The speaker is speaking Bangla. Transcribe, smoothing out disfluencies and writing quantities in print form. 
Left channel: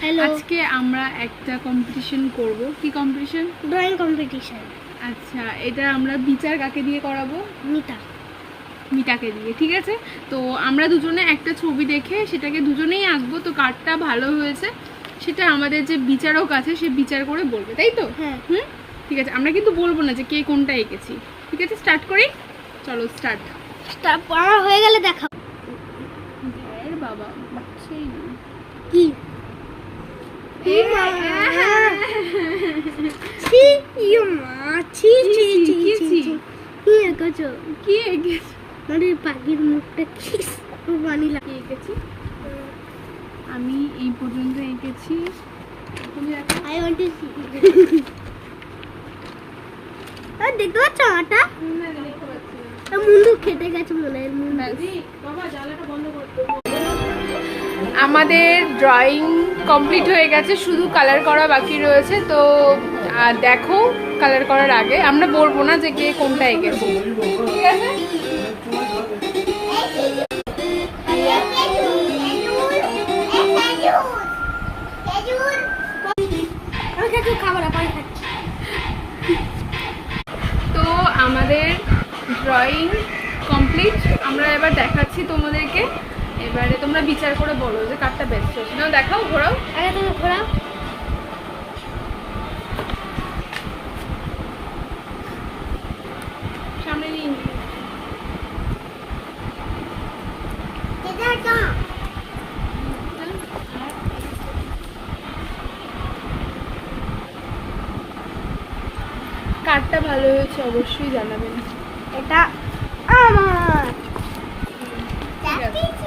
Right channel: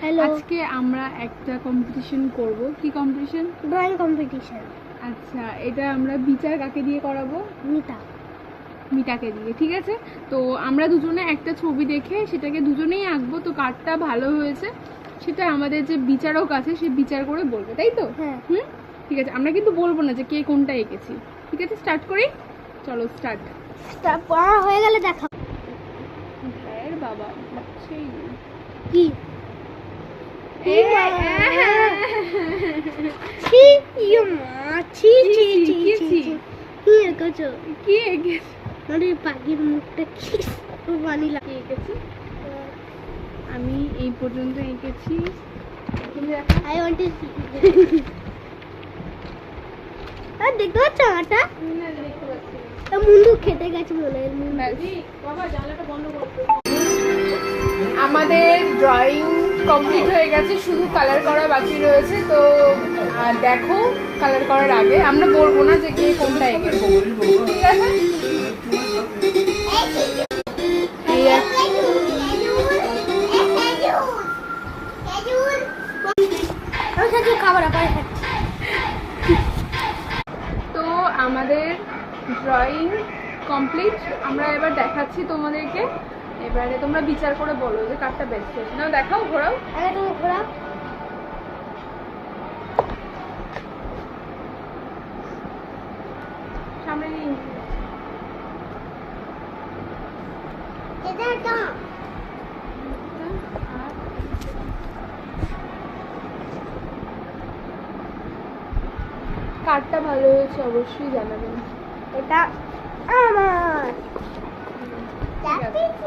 হ্যালো, আজকে আমরা একটা কম্পিটিশন করব। কি কম্পিটিশন? Drawing competition. আচ্ছা, এটা আমরা বিচার কাকে দিয়ে করাবো? মিতাকে দিয়ে, ঠিক আছে। তো আমরা দুজনে একটা ছবি দেখে সেটাকে দুজনেই আঁকবো, তো কারটা ভালো হয়েছে সেটা আমাদের যে বিচারক আছে সে বিচার করে বলবে, তাই তো? হ্যাঁ। ঠিক আছে, আমরা কিন্তু বলবো না যে কে কোনটা এঁকেছি। ঠিক আছে, স্টার্ট করি। চলো স্টার্ট। পড়া হয়ে গেলে দেখাও। ধর বাবা, বুঝছেই না। কি এ, ছি ইয়ে মা, ছি ছি ছি কি ছি ছি? কি এঁকেছো? কি এঁকেছি? মানে পাখির মুখটা কি বানি কি এঁকেছি? আমি এই পর্যন্ত এঁকেছি। তুমি দেখো। I want to see. আর দেখতে পাচ্ছ আটা? মুন্ডু খেতে গেছে মনে হয়। আমাদের ড্রয়িং কমপ্লিট হয়ে গেছে, শুধু কালার করা বাকি রয়েছে। তো দেখো, কালার করার আগে আমরা বলবো না যে কে কোনটা এঁকেছে, ঠিক আছে? তো আমাদের ড্রয়িং কমপ্লিট, আমরা এবার দেখাচ্ছি তোমাদেরকে। এবারে তোমরা বিচার করে বলো যে কারটা বেস্ট হয়েছে। না দেখাও, ঘোরাও। আগে তুমি ঘোরাও। সামনে নিয়ে নিই। কারটা ভালো হয়েছে অবশ্যই জানাবেন। এটা আমার। ঠিক আছে।